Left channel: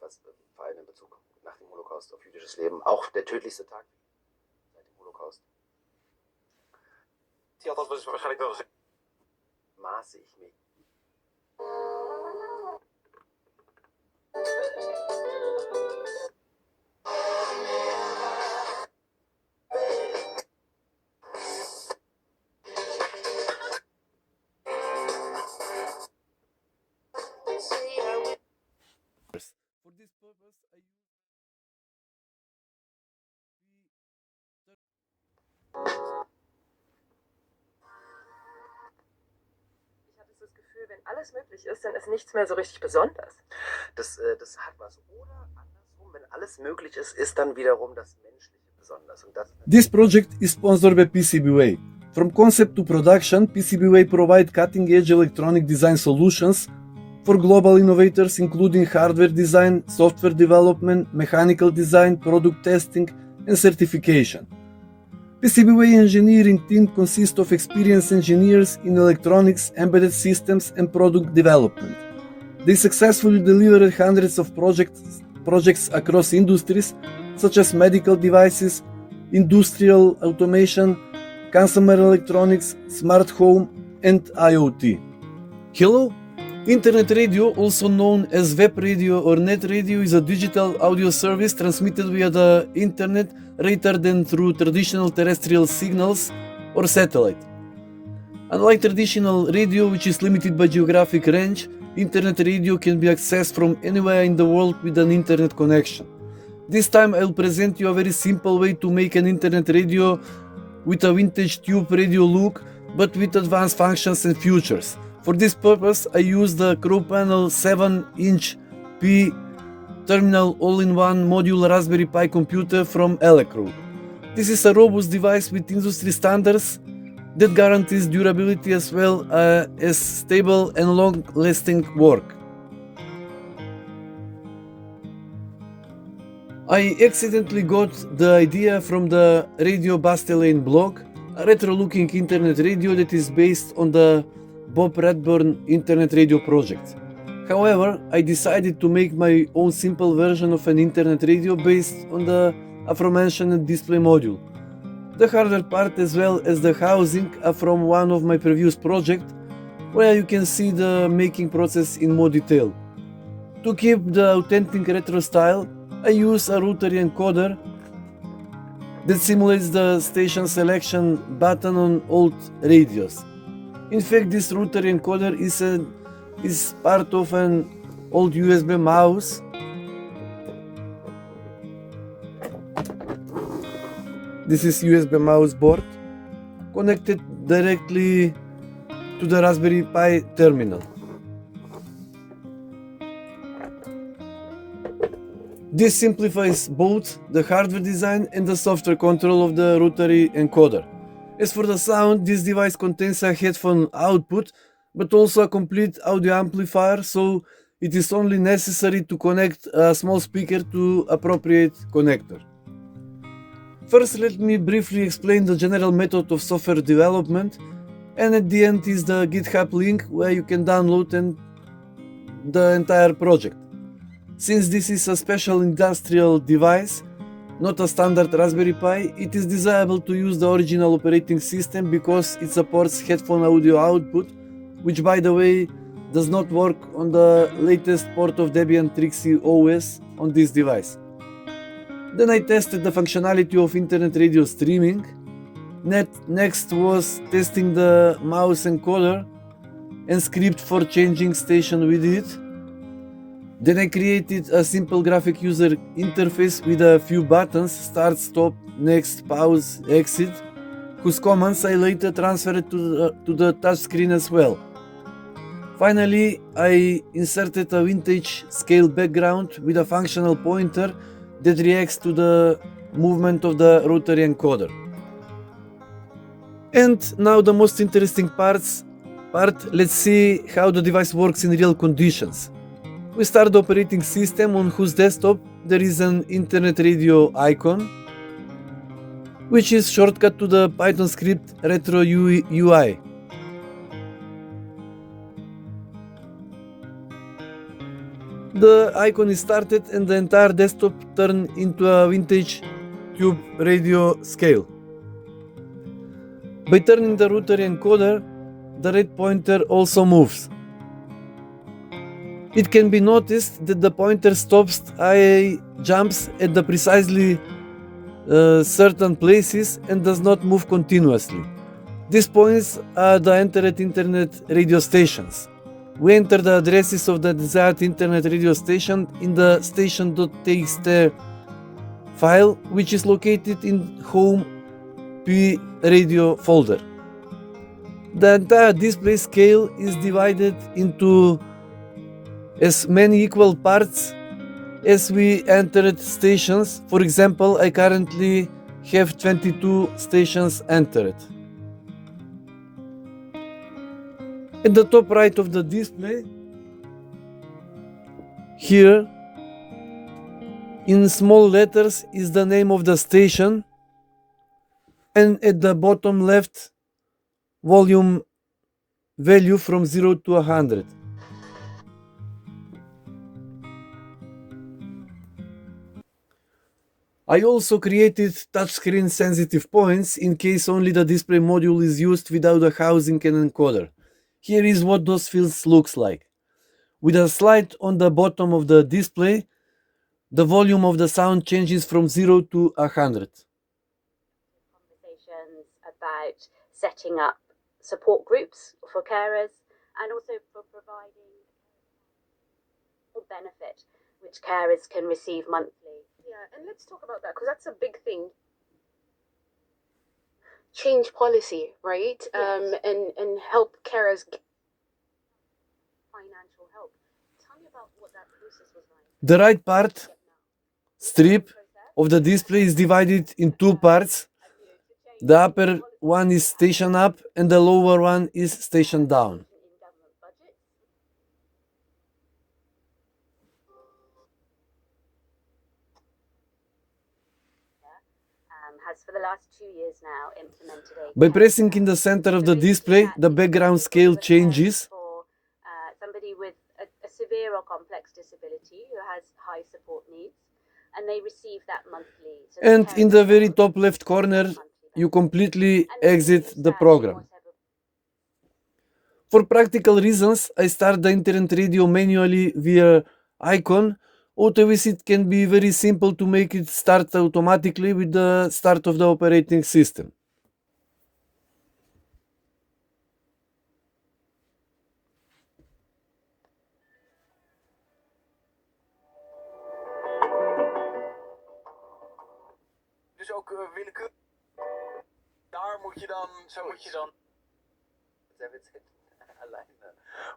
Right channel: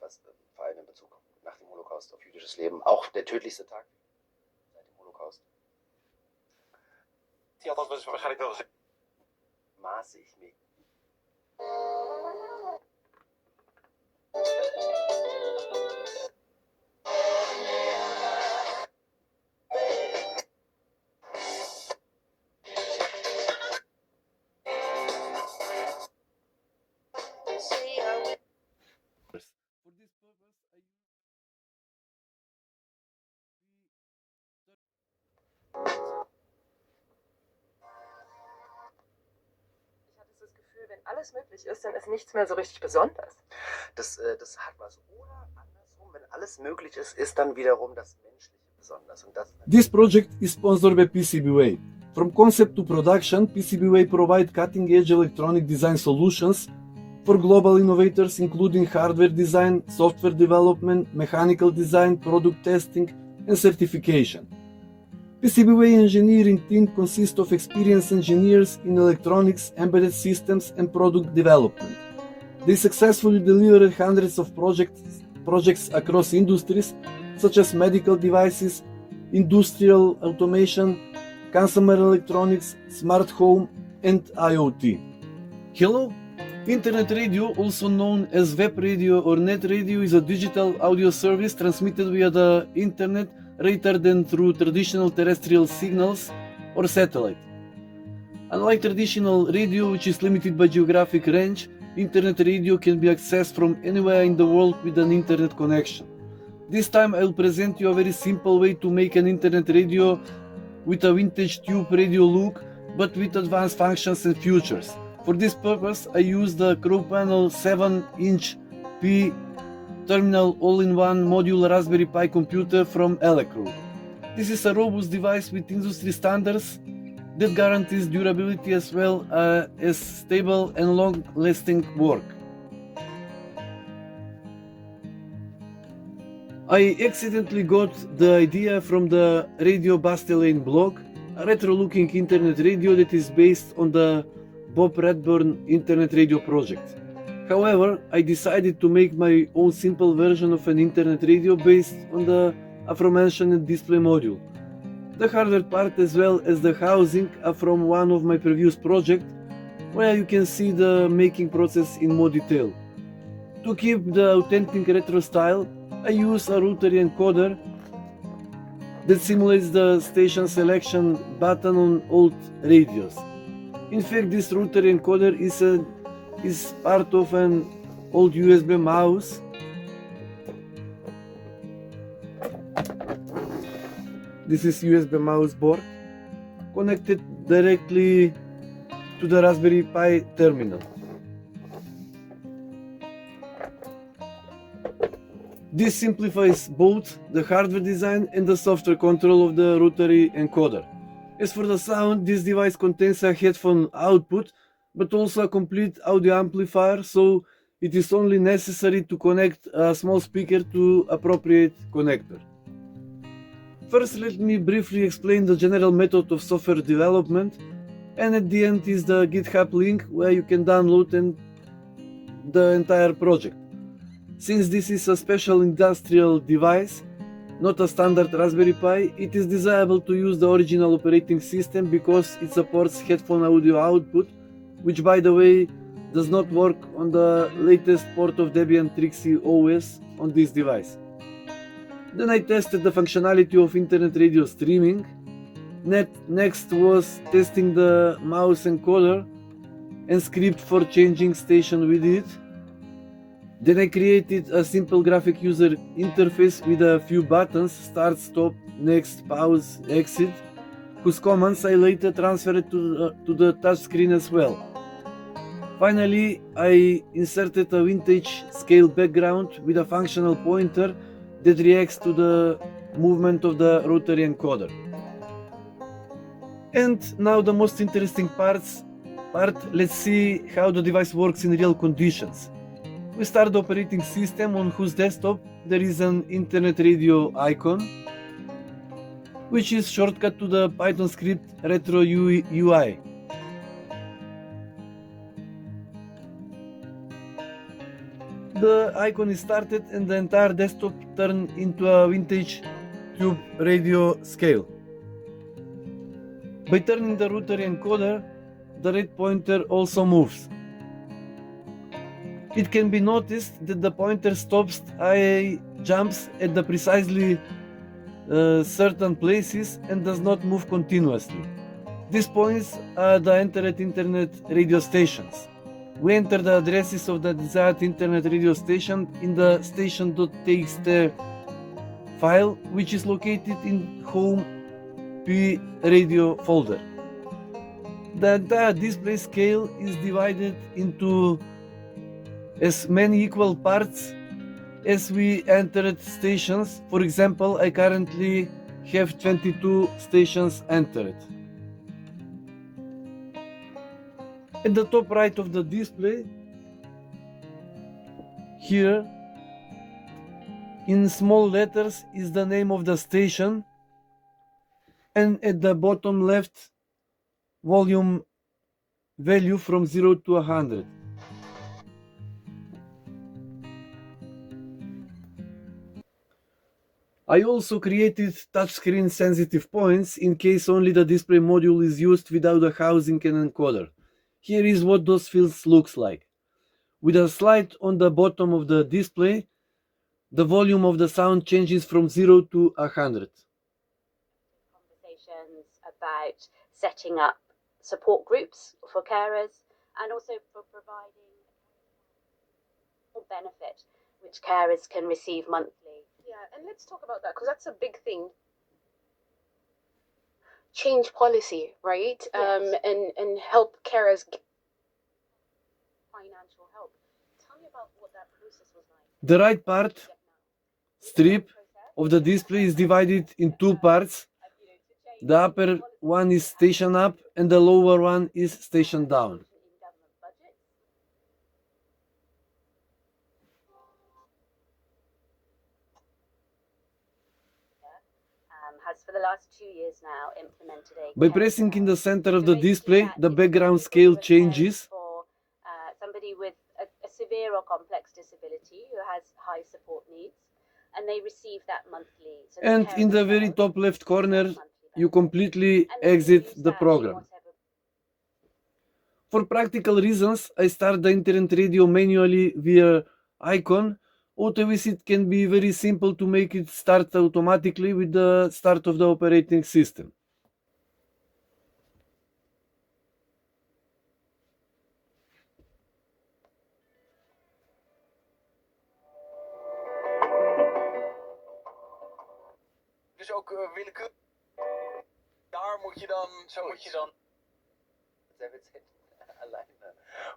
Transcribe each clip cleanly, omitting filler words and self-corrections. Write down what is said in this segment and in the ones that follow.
Was vor allem in Bezug nach dem Holocaust auf jüdisches Leben, auch der tödlichste Tag seit dem Holocaust. Ja, dat was waarschijnlijk wel gezegd. Maße ich mich. For this purpose, I use Ich hatte so das Gefühl, wenn alles möglich ist, dann ist nichts mehr so richtig besonders. Das hat was. Oder andersrum, wenn alles möglich ist, ist dann wiederum das Menschliche besonders. Und das This project is sponsored by PCBWay. From concept to production, PCBWay provide cutting-edge electronic design solutions for global innovators including hardware design, software development, mechanical design, product testing, and certification. PCBWay engineering team consists of experienced engineers in electronics, embedded systems, and product development. They successfully delivered hundreds of projects across industries such as medical devices, industrial automation, consumer electronics, smart home, and IoT. Hello? Internet radio, also known as web radio or net radio, is a digital audio service transmitted via the internet rather than through traditional terrestrial signals or satellite. Unlike traditional radio, which is limited by geographic range, internet radio can be accessed from anywhere in the world with an internet connection. This time I will present you a very simple way to make an internet radio with a vintage tube radio look, but with advanced functions and features. For this purpose, I use the Crowpanel 7-inch P terminal all-in-one module Raspberry Pi computer from Elecrow. This is a robust device with industry standards that guarantees durability as well as stable and long-lasting work. I accidentally got the idea from the Radio Bastelane blog, a retro-looking internet radio that is based on the Bob Redburn Internet Radio project. However, I decided to make my own simple version of an internet radio based on the aforementioned display module. The hardware part as well as the housing are from one of my previous projects, where you can see the making process in more detail. To keep the authentic retro style, I use a Rotary Encoder that simulates the station selection button on old radios. In fact, this Rotary Encoder is part of an old USB mouse This is USB mouse board connected directly to the Raspberry Pi terminal. This simplifies both the hardware design and the software control of the Rotary Encoder. As for the sound, this device contains a headphone output, but also a complete audio amplifier, so it is only necessary to connect a small speaker to appropriate connector. First, let me briefly explain the general method of software development, and at the end is the GitHub link where you can download the entire project. Since this is a special industrial device, not a standard Raspberry Pi, it is desirable to use the original operating system because it supports headphone audio output, which by the way does not work on the latest port of Debian Trixie OS on this device. Then I tested the functionality of internet radio streaming. Next was testing the mouse encoder and script for changing station with it. Then I created a simple graphic user interface with a few buttons: start, stop, next, pause, exit, whose commands I later transferred to the touchscreen as well. Finally, I inserted a vintage scale background with a functional pointer that reacts to the movement of the rotary encoder. And now the most interesting part, let's see how the device works in real conditions. We start the operating system on whose desktop there is an internet radio icon, which is shortcut to the Python script retro UI. the icon is started and the entire desktop turned into a vintage tube radio scale. By turning the Rotary Encoder, the red pointer also moves. It can be noticed that the pointer stops IA jumps at the precisely certain places and does not move continuously. These points are the entered internet radio stations. We enter the addresses of the desired internet radio station in the station.txt file, which is located in Home P Radio folder. The entire display scale is divided into as many equal parts as we entered stations. For example, I currently have 22 stations entered. At the top right of the display, here in small letters is the name of the station, and at the bottom left, volume value from 0 to 100. I also created touchscreen sensitive points in case only the display module is used without a housing and encoder. Here is what those fields looks like. With a slide on the bottom of the display, the volume of the sound changes from 0 to 100. Conversations about setting up support groups for carers and also for providing benefit which carers can receive monthly. Yeah, and let's talk about that because that's a big thing. Change policy, right? Yes. And help carers get Financial help. Tell me about what that process was like. The right part, strip, of the display is divided in two parts. The upper one is station up and the lower one is station down. Has for the last 2 years now implemented a By pressing in the center of the display, the background scale changes. For somebody with a severe or complex disability who has high support needs, and they receive that monthly. So And in the very top left corner, you completely exit the program. For practical reasons, I start the internet radio manually via icon. Auto-visit can be very simple to make it start automatically with the start of the operating system. Dus ook willekeurig. Daar moet je dan, zo moet je dan. Sehr witzig. Alleine.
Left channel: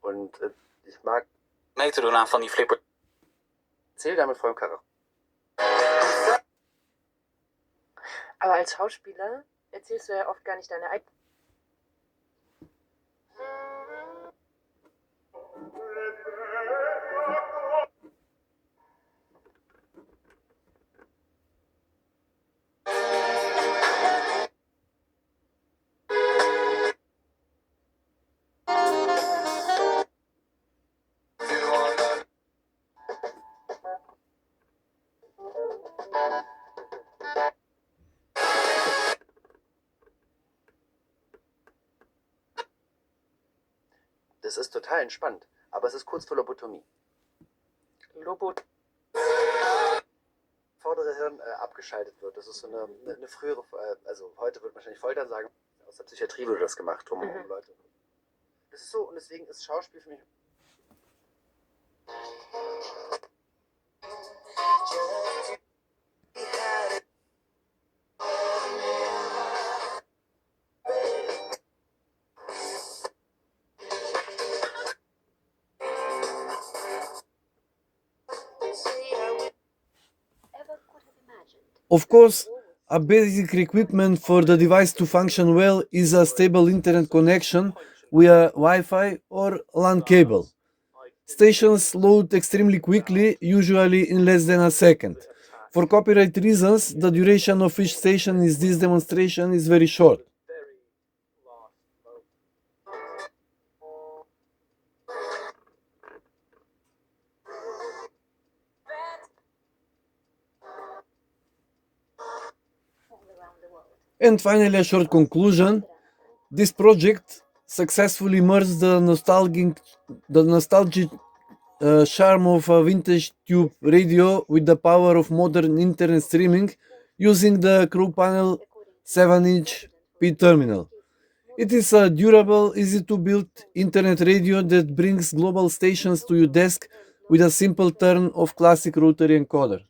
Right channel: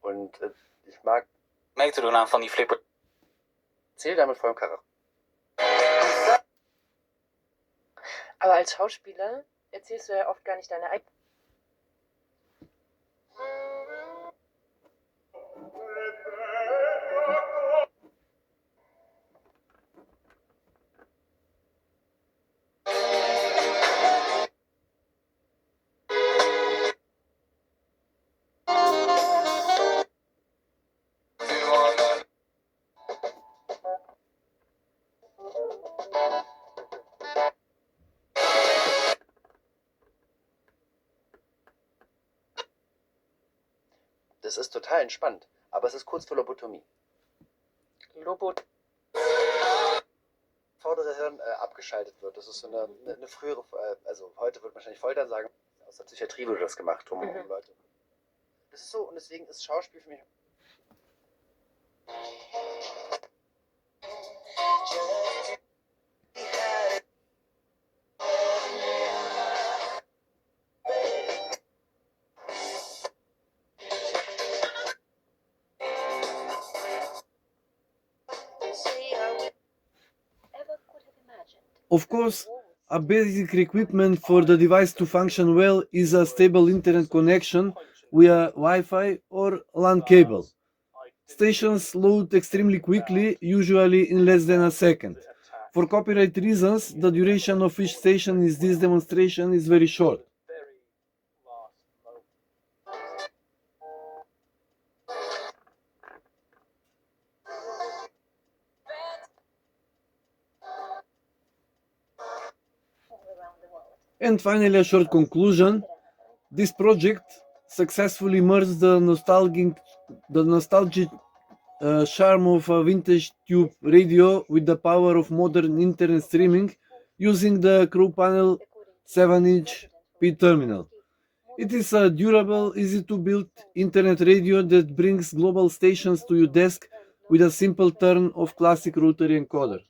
Und ich mag Mee te doen aan van die flipper. Erzähl damit vollem Charakter. Aber als Schauspieler erzählst du ja oft gar nicht deine eigene. Das ist total entspannt, aber es ist kurz vor Lobotomie. Vordere Hirn abgeschaltet wird. Das ist so eine frühere, also heute wird man wahrscheinlich Foltern sagen, aus der Psychiatrie wurde das gemacht, um Leute. Das ist so, und deswegen ist Schauspiel für mich. Of course, a basic requirement for the device to function well is a stable internet connection via Wi-Fi or LAN cable. Stations load extremely quickly, usually in less than a second. For copyright reasons, the duration of each station in this demonstration is very short. And finally, a short conclusion. This project successfully merged the nostalgic charm of a vintage tube radio with the power of modern internet streaming using the Crowpanel 7-inch P terminal. It is a durable, easy to build internet radio that brings global stations to your desk with a simple turn of classic Rotary Encoder.